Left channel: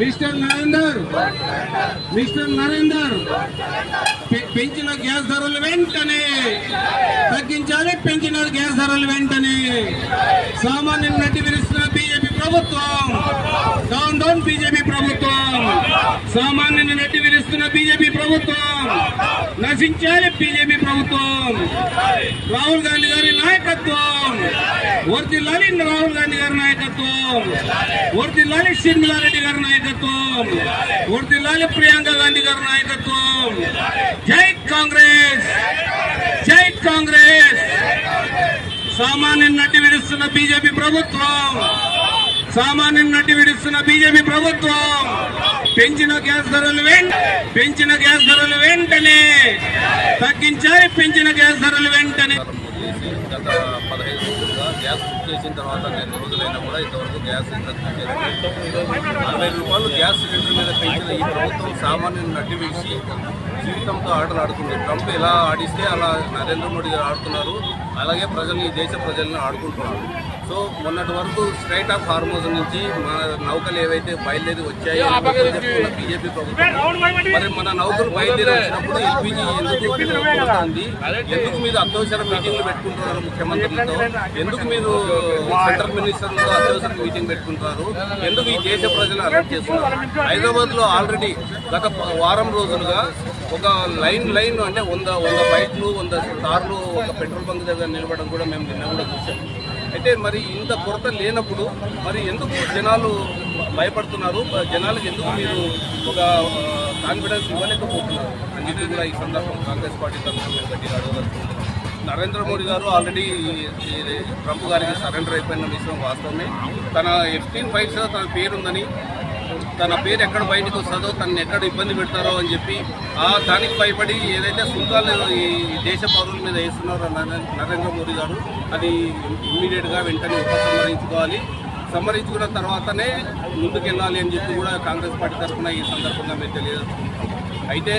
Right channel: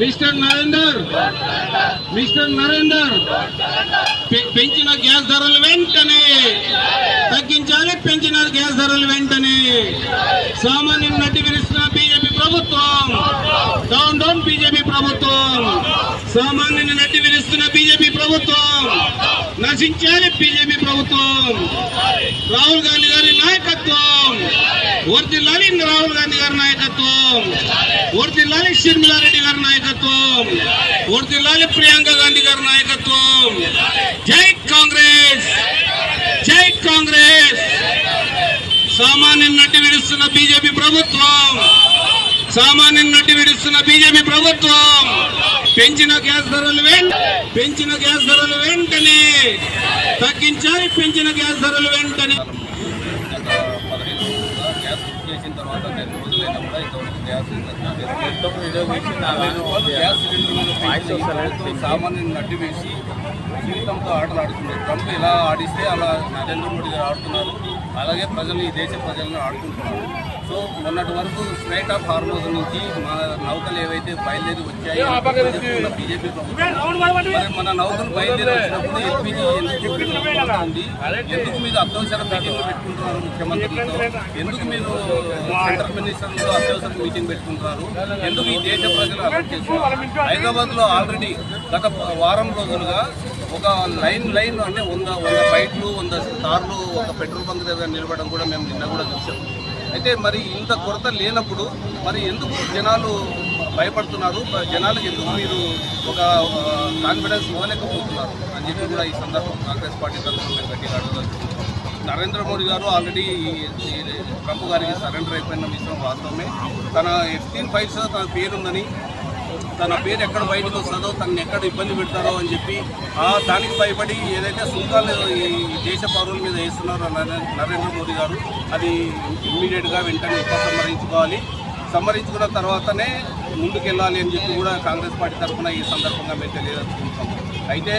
Mister Narender పెంచిన gas ధరలు వెంటనే తగ్గించాలి. పెంచిన గ్యాస్ ధరలు వెంటనే సామాన్యుల నడ్డి విరుస్తున్న బీజేపీ ప్రభుత్వం. డౌన్ డౌన్ బీజేపీ ప్రభుత్వం. సామాన్యుల నడ్డి విరుస్తున్న బీజేపీ ప్రభుత్వం. నశించాలి బీజేపీ ప్రభుత్వం. రాహుల్ గాంధీ గారి నాయకత్వం వర్ధిల్లాలి. రాహుల్ గాంధీ గారి నాయకత్వం వర్ధిల్లాలి. షర్మిలారెడ్డి గారి నాయకత్వం వర్ధిల్లాలి. ప్రియాంక గాంధీ గారి నాయకత్వం. జై కాంగ్రెస్, జై కాంగ్రెస్. సామాన్యుల నడ్డి విడుస్తున్న బీజేపీ ప్రభుత్వం. సామాన్యుల నడ్డి విడుస్తున్న బీజేపీ ప్రభుత్వం. పెంచిన గ్యాస్ ధరలు వెంటనే తగ్గించాలి. పెంచిన గ్యాస్ ధరలు వెంటనే. గత 15 రోజులుగా గ్యాస్ బుక్ చేసిన తర్వాత 10 రోజులైనా కూడా ఇంతవరకు గ్యాస్ సిలిండర్ 40 రూపాయలు గ్యాస్ సిలిండర్ మీద పెంచిన ఈ ప్రభుత్వం సామాన్యుని నడ్డి విడిచి జీవితంతో ఆటలు ఆడుతుంది. ట్రంప్ ఎలా ఆడిస్తే అలా నరేంద్ర మోడీ గారు ఆడుతున్నారు. అలాగే ప్రజలు, ఈ దేశ ప్రజలను ఆడుకుంటున్నారు. సో మొన్నటి వరకు స్ట్రైట్ ఆఫ్ హార్మోజ్ నుంచి మన నౌకలు ఏవైతే బయలుదేరి వచ్చాయి చెప్తున్న బీజేపీ ప్రభుత్వం, మరి మన నౌకలు బయలుదేరి వచ్చినప్పుడు ఎల్పీజీ ఎందుకు ఉంది? ఎందుకు మీరు అత్యవసర మీటింగ్లు పెట్టుకుంటున్నారు ముఖ్యమంత్రులతో? ఎందుకు మీరు సెంట్రల్ మినిస్టర్లతో అత్యవసర మీటింగ్ పెట్టుకుంటున్నారు? ఎందుకు ఈ దేశ ప్రజలు అరెస్ట్ చేస్తున్నారు? హైదరాబాద్ లో ఆల్రెడీ గత వారం రోజులుగా ఒక లైన్ అంటే 100 బైక్లు 100 కార్లు ఒక పెట్రోల్ బంక్ దగ్గర నిలబడడం కూడా మేము నిన్న కూడా చూసాం. అయితే మరి ఇంత కొరత లేనప్పుడు మరి ఎందుకు జనాలు భయపడుతున్నారు? జనాలకు ఎందుకు మీరు ఒక కాన్ఫిడెన్స్ ఇవ్వలేకపోతున్నారు అని చెప్పి కూడా ఈ సందర్భం కాంగ్రెస్ పార్టీ తరఫున మేము గట్టిగా అడగదలుచుకుంటున్నాం. నరేంద్ర మోడీ గారు ఆల్రెడీ ట్రంప్ గారికి సరెండర్ అయిపోయిన విషయం వాస్తవమే. తన F-16 ఫైల్స్ తన పేరుందని, తన పేరు ఎక్కడ బయటకు వస్తుందో, తనని ఎక్కడ ఇబ్బంది పెడతారో అని చెప్పి దానికి భయపడి ఏదైతే సుంకాలు ఈ దేశ పౌరుల మీద వేస్తున్నారో నరేంద్ర మోడీ గారు, అది ఇమ్మీడియట్గా వెంటనే ఉపసంహరించుకోవాలి. సంహరించుకున్న తర్వాతనే ముందుకెళ్ళాలి అని చెప్పి కూడా కాంగ్రెస్ పార్టీ తరఫున ఈ సందర్భంగా మేము తెలియజేసుకుంటాం. అయితే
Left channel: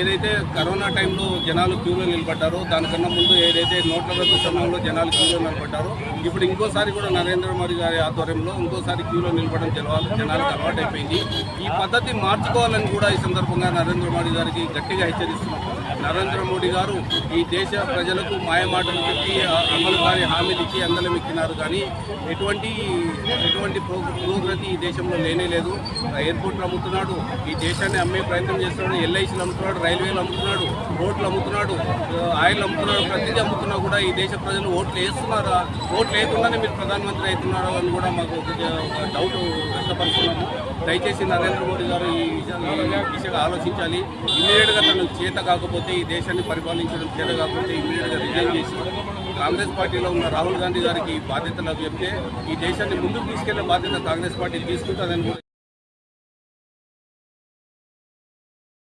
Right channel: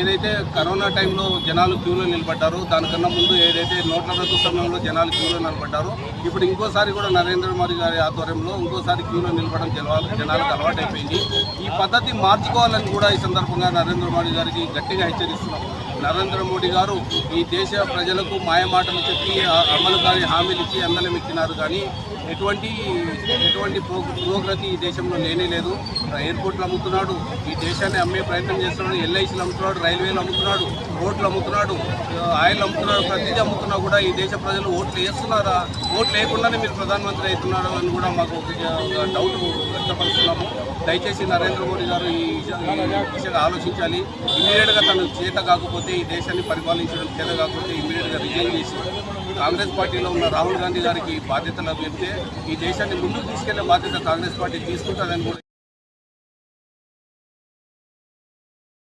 ఏదైతే కరోనా టైంలో జనాలు క్యూలో నిలబడ్డారో, దానికన్నా ముందు ఏదైతే నోట్ల రద్దు సమయంలో జనాలు క్యూలో నిలబడ్డారో, ఇప్పుడు ఇంకోసారి కూడా నరేంద్ర మోడీ గారి ఆధ్వర్యంలో ఇంకోసారి క్యూలో నిలబడడం జనాలకు అలవాటైపోయింది. ఈ పద్ధతి మార్చుకోవాలని కూడా ఈ సందర్భంగా నరేంద్ర మోడీ గారికి గట్టిగా హెచ్చరిస్తున్నాం. నరేంద్ర మోడీ గారు ఈ దేశ ప్రజలకు మాయమాటలు చెప్పి అమలు కాని హామీలు ఇచ్చి అందలం ఎక్కినారు. కానీ ఎటువంటి పురోగతి ఈ దేశంలో లేనే లేదు. ఎయిర్పోర్ట్లు అమ్ముతున్నాడు, ఈ దేశాన్ని అమ్మే ప్రయత్నం చేస్తున్నాడు, ఎల్ఐసీలు అమ్ముతున్నాడు, రైల్వేలు అమ్ముతున్నాడు, రోడ్లు అమ్ముతున్నాడు, ఆయిల్ అమ్ముతున్నాడు. ప్రతిదీ అమ్ముతున్నా కూడా ఈ దేశ ప్రజలు ఓట్లు వేస్తున్నారా? ఓట్లు లేకుండానే మీరు ప్రధానమంత్రి అవుతున్నారు అని కూడా మాకు ఒక డౌట్ వ్యక్తపరుస్తున్నాము. దయచేసి నరేంద్ర మోడీ గారు ఈ దిశగా ఆలోచించాలి. ఇమ్మీడియట్గా తను చేత కాకపోతే, ఈ దేశాన్ని పరిపాలించడం చేత కాకపోతే ఇమ్మీడియట్గా రిజైన్ చేసి కాంగ్రెస్ పార్టీలో ఉన్న రాహుల్ గాంధీ గారికి బాధ్యతలు చెప్తే ఈ దేశాన్ని ముందుకు తీసుకెళ్లే బాధ్యత కాంగ్రెస్ పార్టీ తీసుకుంటుందని కూడా